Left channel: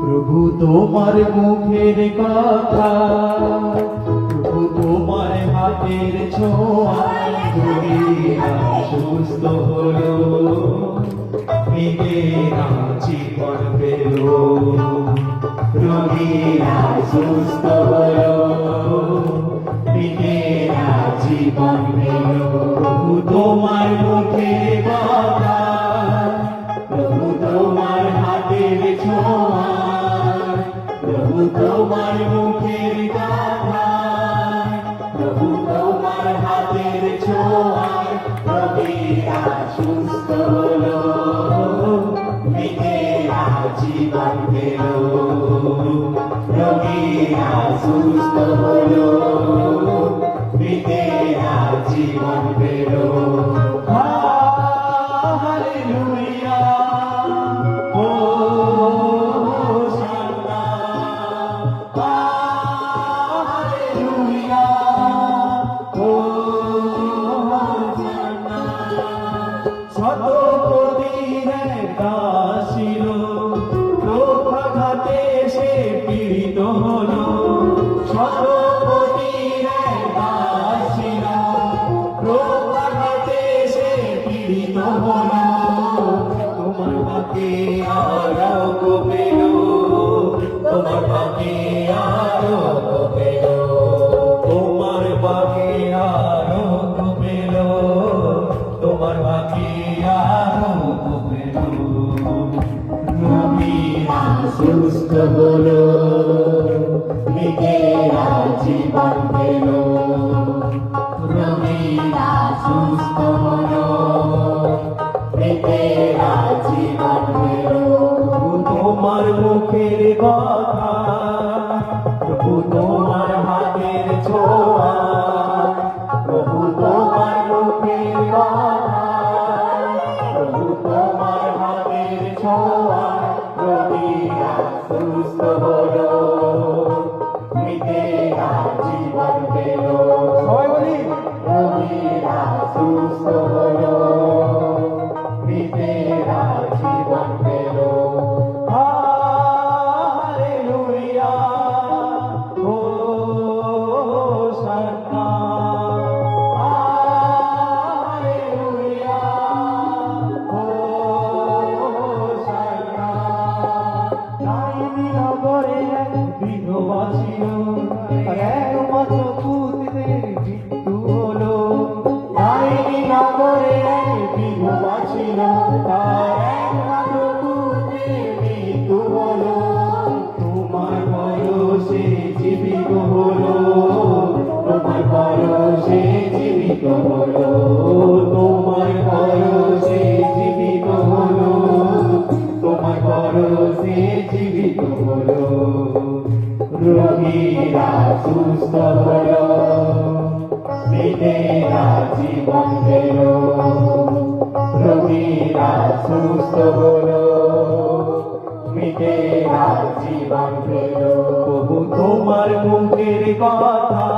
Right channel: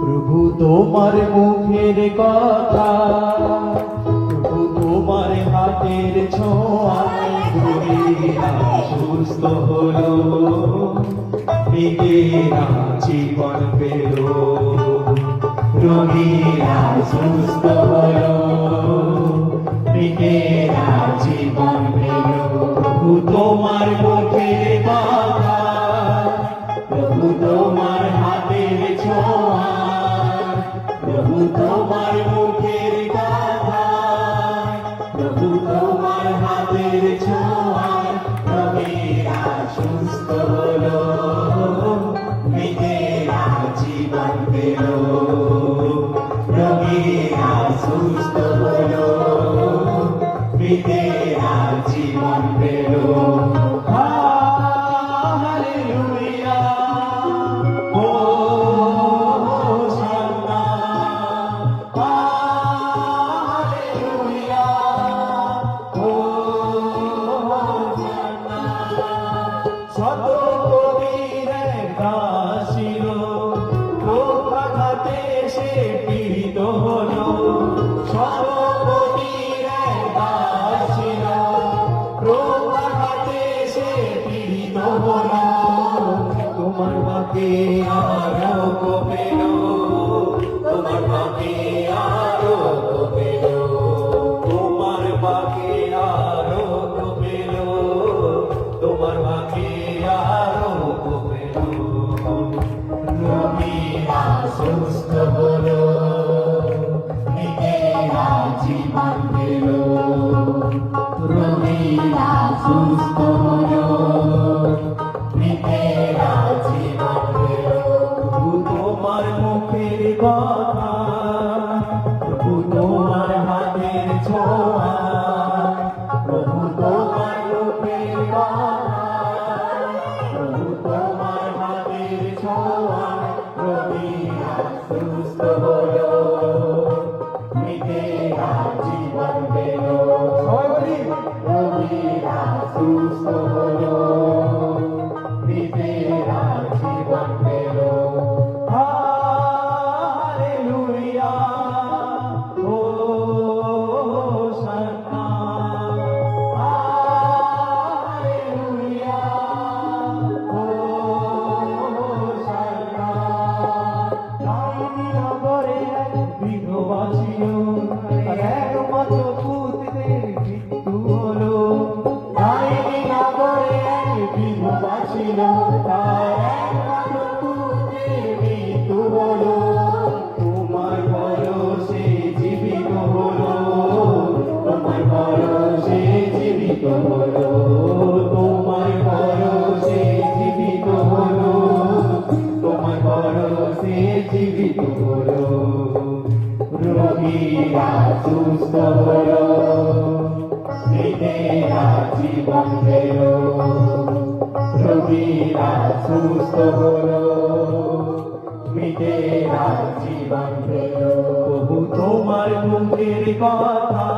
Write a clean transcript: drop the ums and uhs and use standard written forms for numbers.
প্রভু তোমার মুখের কথা, প্রভু তোমার হাতের ছোঁয়ায় সুস্থ হলো, মেয়েরা জীবন পেল, রোগীরা সুস্থ হলো, মেয়েরা জীবন পেল। প্রভু তোমার মুখের কথা, প্রভু তোমার হাতের ছোঁয়া, প্রভু তোমার মুখের কথা, প্রভু তোমার হাতের ছোঁয়া, রোগীরা সুস্থ হলো, মেয়েরা জীবন পেল, রোগীরা সুস্থ হলো, মেয়েরা জীবন পেল। তোমার বাকি আরো পেল, তোমার বাকি আরো পেল, তোমার বাকি আরো পেল, তোমার বাকি আরো পেল। রোগীরা সুস্থ হলো, মেয়েরা জীবন পেল, রোগীরা সুস্থ হলো, মেয়েরা জীবন পেল। তোমার মুখের কথা, প্রভু তোমার হাতের ছোঁয়া, প্রভু তোমার মুখের কথা, প্রভু তোমার হাতের ছোঁয়া, রোগীরা সুস্থ হলো, মেয়েরা জীবন পেল, রোগীরা সুস্থ হলো, মেয়েরা জীবন পেল। Hallelujah, hosanna, hallelujah, hosanna. নাইনি নগরে এক বিধবা ছিল, এক মাত্র পুত্রের মৃত্যু হলো। নাইনি নগরে এক বিধবা ছিল, তার একমাত্র পুত্রের মৃত্যু হলো। তোমার বয়সে জীবিত হলো, তোমার বয়সে জীবিত হলো, তোমার বয়সে জীবিত হলো, তোমার বয়সে জীবিত হলো। রোগীরা সুস্থ হলো, মেয়েরা জীবন পেল, রোগীরা সুস্থ হলো, মেয়েরা জীবন পেল। প্রভু তোমার মুখের কথা,